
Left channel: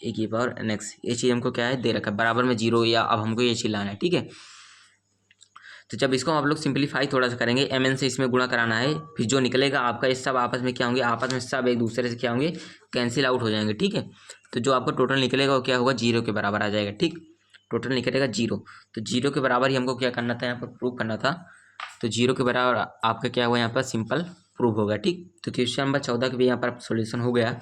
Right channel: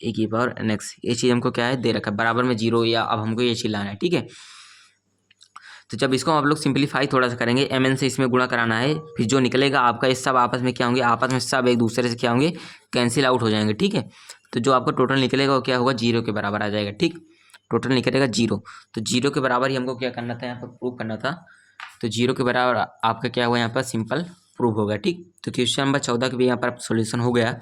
a की पावर एन एक्स, ये चीज़ हमको क्या है दे रखा है बराबर में 0, या अब हमको ये चीज़ लाना है। ठीक है, तो जब इसको हम लोग सिंपलीफाई थोड़ा सा करेंगे, एम एन से इसमें गुणा कराना है, फिर जो निकलेगा आपका ये सब आपस में क्या होंगे, आपस में सब एक दूसरे से क्या होंगे कैंसिल आउट हो जाएंगे। ठीक है, तो जो आपका टोटल निकलेगा वो क्या होगा 0 के बराबर आ जाएगा। ठीक, टोटल निकलेगा 0, तो 0 के बराबर ही हमको क्या करना था, यहाँ पर प्रूव करना था, तो 0 के बराबर आपका क्या हुआ यहाँ पर सिंपल प्रूव हो गया। ठीक, तो क्वेश्चन नंबर 14 का भी यहाँ पर सोल्यूशन हो गया।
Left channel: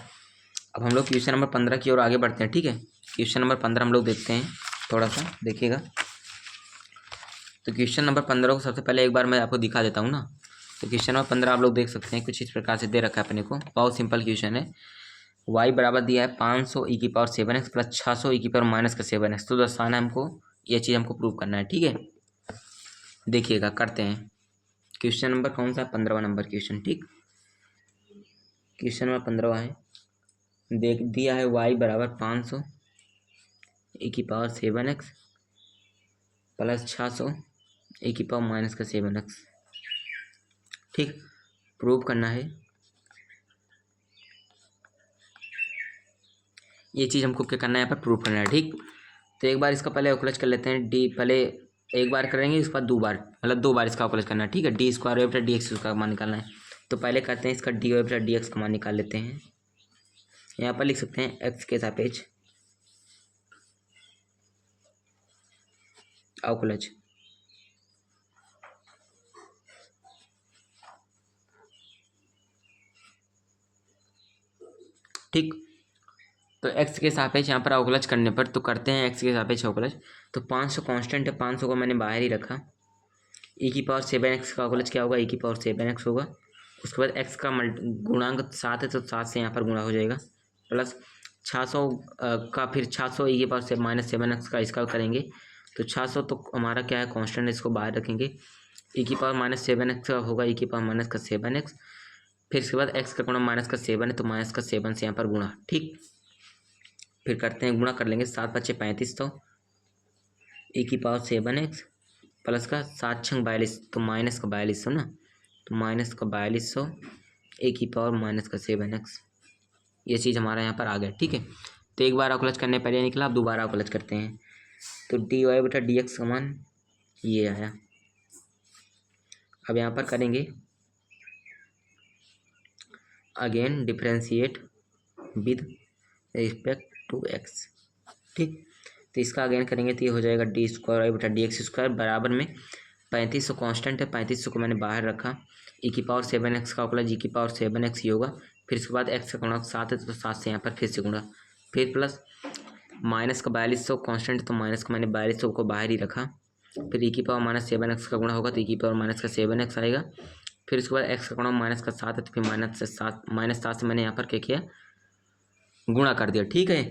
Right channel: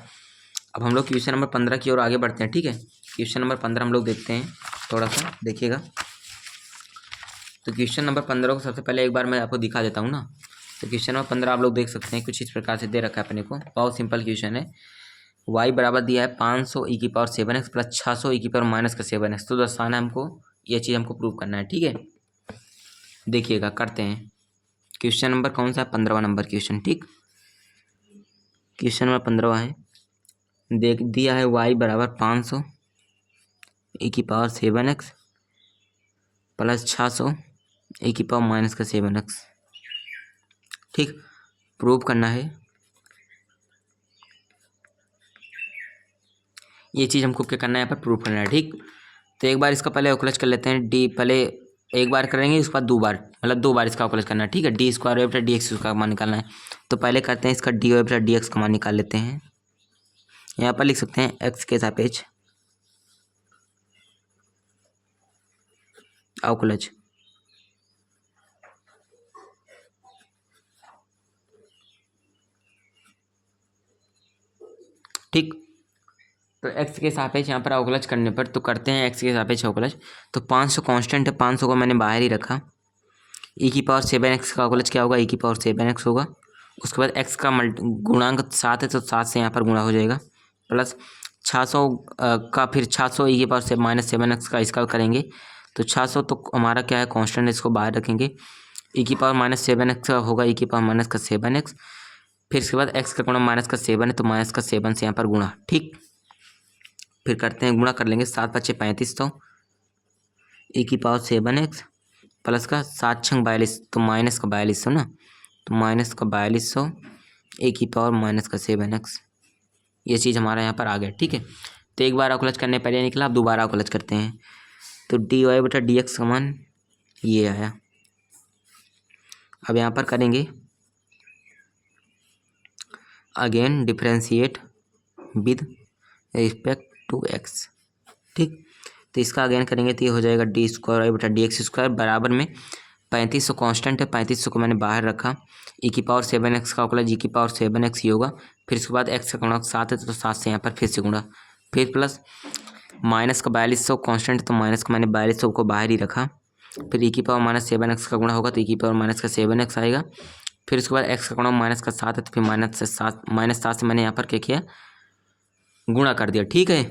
अब हम लोग क्वेश्चन नंबर 15 की ओर आगे बढ़ते हैं। ठीक है, क्वेश्चन नंबर 15 हम लोग देखते हैं, थोड़ा सा देखिएगा। तो क्वेश्चन नंबर 15 को सबसे पहले एक बार मैं आपको दिखा देता हूँ ना। तो क्वेश्चन नंबर 15 आप लोग देख सकते हैं, कुछ इस प्रकार से दे रखा है अपने को, बहुत सिंपल क्वेश्चन है। y बराबर दिया है 500 ई की पावर 7x प्लस 600 ई की पावर माइनस का 7x, तो दर्शाना है हमको, ये चीज़ हमको प्रूव करना है। ठीक है, देखिएगा करते हैं। क्वेश्चन नंबर कौन सा है, 15वां नंबर क्वेश्चन। ठीक, क्वेश्चन नंबर 15वां है, देख दिया है y बराबर 500 ई की पावर 7x प्लस 600 ए की पावर माइनस का 7x। ठीक, प्रूव करना है, ये चीज़ हमको क्या करना है यहाँ पर प्रूव करना है। ठीक, तो एक बार इसका पहले अवकलज कर लेते हैं, डी पहले एक बार करेंगे, उसके बाद 2 बार, मतलब 2 बार इसका अवकलज करना है। ठीक है, डी स्क्वायर वाई बटा डी एक्स का मान निकालना है, तो पहले करते हैं इसका डी वाई बटा डी एक्स का मान निकाल लेते हैं। यहाँ पर लिख सकते हैं एक्स के सापेक्ष अवकलज। ठीक, तो x के सापेक्ष यहाँ पर अवकलज करने पर, तो करते हैं x के सापेक्ष अवकलज। तो 500 कांस्टेंट है, 500 को मैंने बाहर ही रखा, e की पावर 7x का अवकलज क्या होगा, e की पावर 7x होगा। उसके बाद x का गुणांक 7 है, तो 7 से यहाँ पर गुणा हो जाएगा, प्लस 600 का, फिर 600 e की पावर से माइनस 7x का इसका करेंगे, तो 600 तो हमारा क्या है कांस्टेंट, इसको बाहर रखेंगे, e की पावर माइनस 7x का होगा, e की पावर माइनस का 7x, फिर इसके बाद x का गुणा माइनस का 7 है, तो माइनस का 7 से यहाँ पर गुणा। ठीक, फिर करते हैं गुणा कर लेंगे, 7 × 5 = 3500 ए की पावर 7x प्लस का 7 × 6 = 42, तो माइनस का 4200 ना, तो माइनस का 4200 ए की पावर माइनस का 7x, ये चीज़ हमारा यहाँ पर आ गया। ठीक है, तो एक बार अवकलज करने पहले निकला, अब दोबारा अवकलज करते हैं, तो डी वाई बटा डी एक्स का मान ये आया। अब यहाँ पर करेंगे again differentiate with respect to x. ठीक, तो इसका अगेन करेंगे तो ये हो जाएगा डी स्क्वायर वाई बटा डी एक्स स्क्वायर बराबर में 3500 कांस्टेंट है, 3500 को मैंने बाहर रखा, ई की पावर 7x का अवकलज ई की पावर 7x ही होगा, फिर इसके बाद x का गुणक 7 है, तो 7 से यहाँ पर फिर से गुणा, फिर प्लस माइनस का 4200 कांस्टेंट, तो माइनस का मैंने 4200 को बाहर ही रखा, फिर ई की पावर माइनस 7x का गुणा होगा, तो ई की पावर माइनस का 7x आएगा, फिर उसके बाद x का गुणा माइनस का 7 है, तो फिर -7 से मैंने यहाँ पर क्या किया गुणा कर दिया। ठीक है,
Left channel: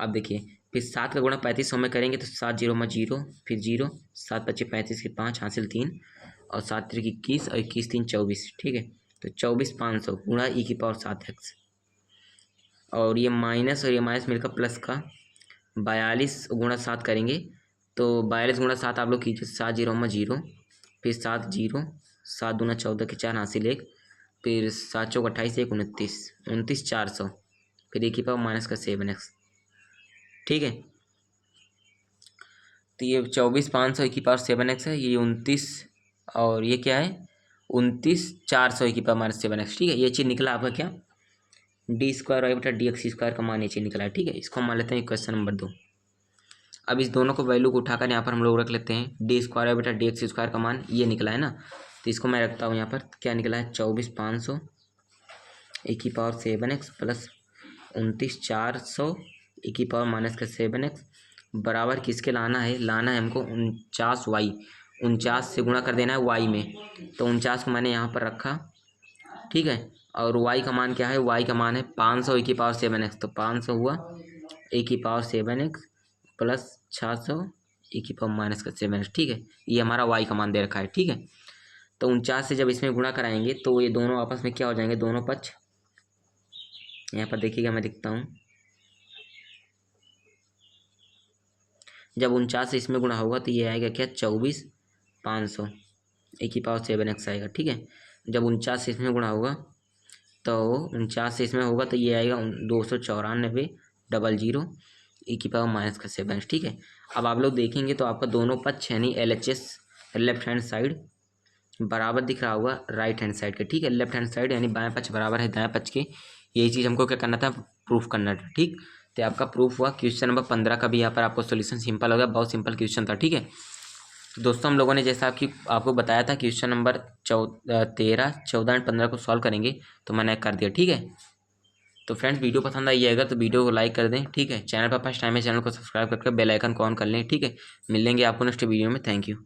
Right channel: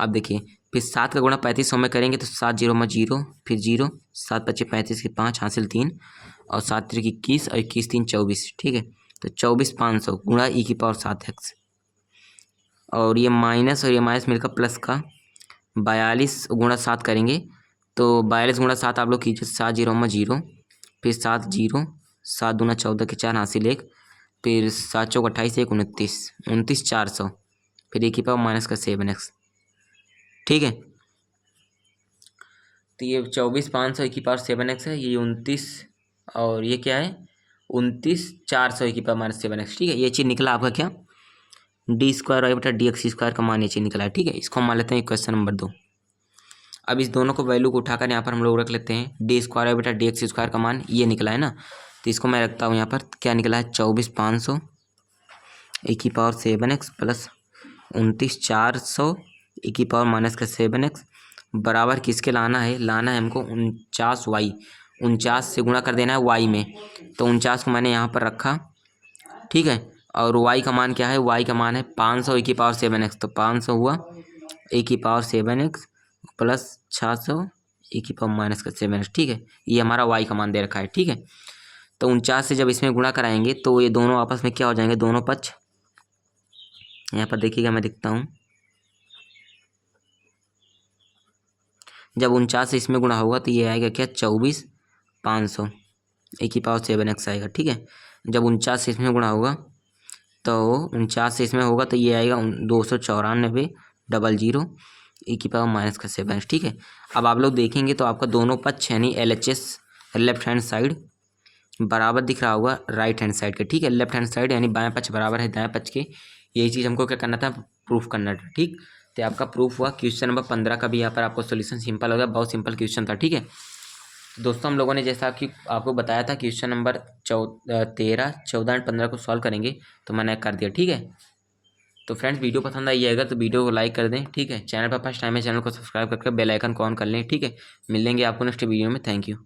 अब देखिए फिर 7 का गुणा 3500 में करेंगे, तो 7 0 में 0, फिर 0, 7 × 5 = 35 के 5 हासिल 3, और 7 × 3 = 21 और 21 × 3 = 24। ठीक है, तो 24,500 गुणा ई की पावर 7x, और ये माइनस और ये माइनस मिलकर प्लस का 42 गुणा 7 करेंगे, तो 42 गुणा 7 आप लोग कीजिए, 7 0 में 0, फिर 7 0, 7 दूना 14 के 4 हासिल 1, फिर 7 चौक 28 1 29, 29,400, फिर ए की पावर माइनस का 7x। ठीक है। तो ये 24,500 e⁻7x है, ये 29, और ये क्या है 29,400 e⁻7x। ठीक है, ये चीज़ निकला आपका क्या, d²y/dx² का मान ये चीज़ निकला है। ठीक है, इसको हम मान लेते हैं क्वेश्चन नंबर 2। अब इस दोनों को वैल्यू को उठाकर यहाँ पर हम लोग रख लेते हैं। d²y/dx² का मान ये निकला है ना, तो इसको मैं रखता हूँ यहाँ पर। क्या निकला है 24,500 e⁻7x प्लस 29,400 e⁻7x बराबर किसके लाना है, लाना है हमको 49y। 49 से गुणा कर देना है y में, तो 49 को मैंने यहाँ पर रखा। ठीक है, और y का मान क्या है, y का मान है 500 e⁻7x, तो 500 हुआ e⁻7x प्लस 600 e⁻7x। ठीक है, ये हमारा y का मान दे रखा है। ठीक है, तो 49 से जब इसमें गुणा कराएंगे तो ये दोनों आपस में क्या हो जाएंगे, दोनों पक्ष यहाँ पर देखिएगा, मैं दिखता हूँ। जब 49 से इसमें गुणा होगा तो ये आएगा क्या 24,500 e⁻7x आएगा। ठीक है, जब 49 से इसमें गुणा होगा तो 49 से इसमें होगा तो ये आएगा 294 00 e⁻7x। ठीक है, अब आप लोग देखेंगे तो आपका दोनों पक्ष यानी LHS लेफ्ट हैंड साइड बराबर दिख रहा होगा राइट हैंड साइड के। ठीक है, लेफ्ट हैंड साइड यानी बाएं पक्ष बराबर है दाएं पक्ष के। यही चीज़ हमको क्या करना था, प्रूफ करना था। ठीक, तो आपका प्रूफ हुआ। क्वेश्चन नंबर 15 का भी यहाँ पर आपको सोल्यूशन सिंपल हो गया, बहुत सिंपल क्वेश्चन था। ठीक है, तो दोस्तों हम लोगों ने जैसा कि आपको बताया था क्वेश्चन नंबर 13, 14 और 15 को सॉल्व करेंगे, तो मैंने कर दिया। ठीक है, तो फ्रेंड्स वीडियो पसंद आई जाएगा तो वीडियो को लाइक कर दें। ठीक है, चैनल पर फर्स्ट टाइम है, चैनल को सब्सक्राइब करके बेल आइकन को ऑन कर लें। ठीक है, मिलेंगे आपको नेक्स्ट वीडियो में। Thank you.